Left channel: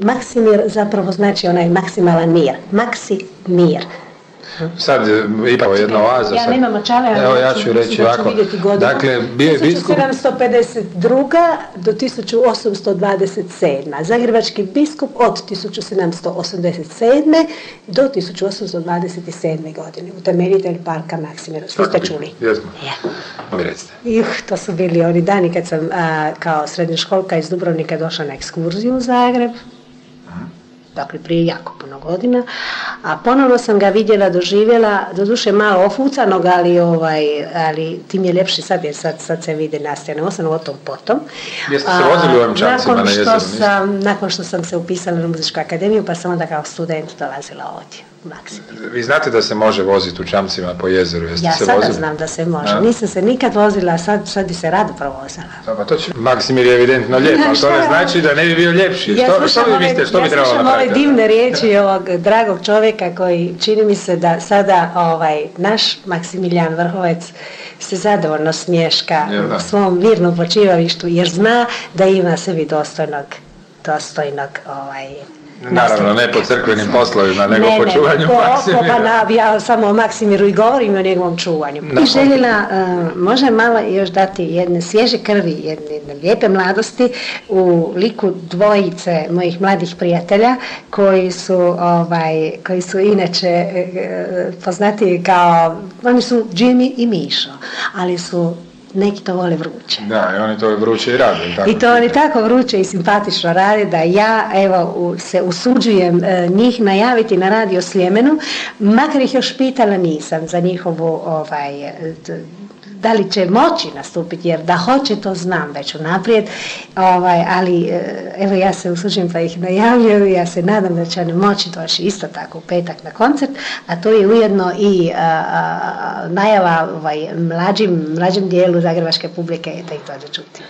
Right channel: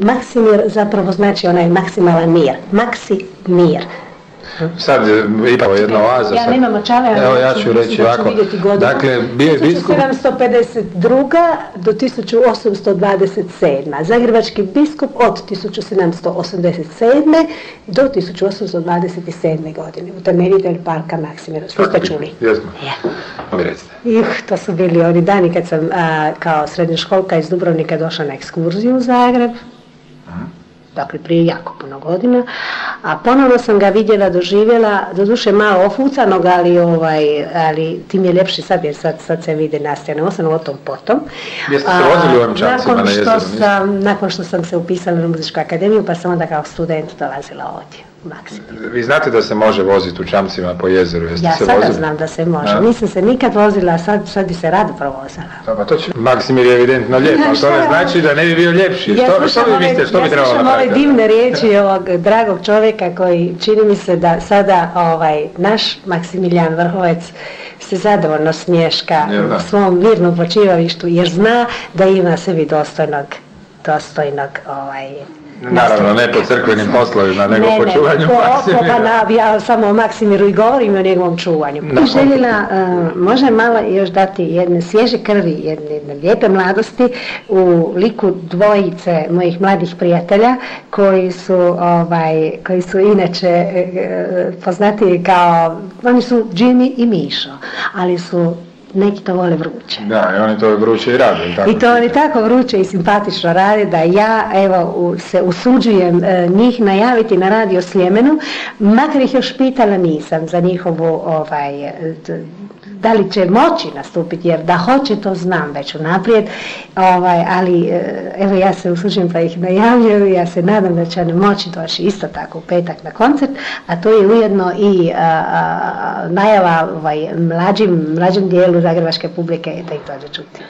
Maksimir zapravo znači onaj maksimalan mir. Maksimir. Sad ipak jedna oaza. Ja nemam očala, evo ja ću reći ovako. Dakle, bio je biskup 1752. do 1827. Zagrebački biskup od 1787. do 1827. godine. Utemeljitelj parka Maksimira. Svi ste čuli? Jesmo. To su bili oni dani kad sam kao srednjoškolka iz Dubrovnika došla na ekskurziju u Zagreb. Dakle, prije jako puno godina, a ponovno sam ga vidjela, doživjela, doduše malo ofucanog, ali tim je ljepši sad, jer sad se vide nastjene, osam o tom potom. Jeste se vozili u ovim čamcima na jezeru? Nakon što sam se upisala na muzičku akademiju, pa sam onda kao student dolazila ovdje. Vi znate da se može voziti u čamcima po jezeru? Jeste ja se sada vozili? Znam da se može. Nisam se nikad vozila, a sad bi se rado provozala. Maksimir je evidentno lijep, ali to ne znači da ne bi bio ljepši. Što vi mislite, što bi trebalo napraviti? Ja slušam ove divne riječi ovog dragog čovjeka koji čini mi se da sada naš Maksimilijan Vrhovec se zadovoljno smješka u svom mirnom počivalištu, jer zna da ima sebi dostojnog naravno, ne po crkvenim poslovima, nego po čuvanju Maksimira. Ja samo o Maksimiru i govorim o njegovom čuvanju. Željela možda malo još dati jedne svježe krvi, jedne lijepe mladosti u liku dvojice mojih mladih prijatelja koji su inače poznati kao, oni su Jimmy i Mišo, ali su neki to vole vruće. Da, i oni to vruće i rade. I to oni tako vruće i simpatično rade da ja se usuđujem njih najaviti na Radio Sljemenu, makar ih još pitala nisam za njihovu da li će moći nastupiti, jer da hoće to znam već unaprijed, ali evo ja se usuđujem pa ih najavljuju, ja se nadam da će oni moći doći isto tako u petak na koncert, a to je ujedno i najava mlađem dijelu zagrebačke publike da ih dođe čuti.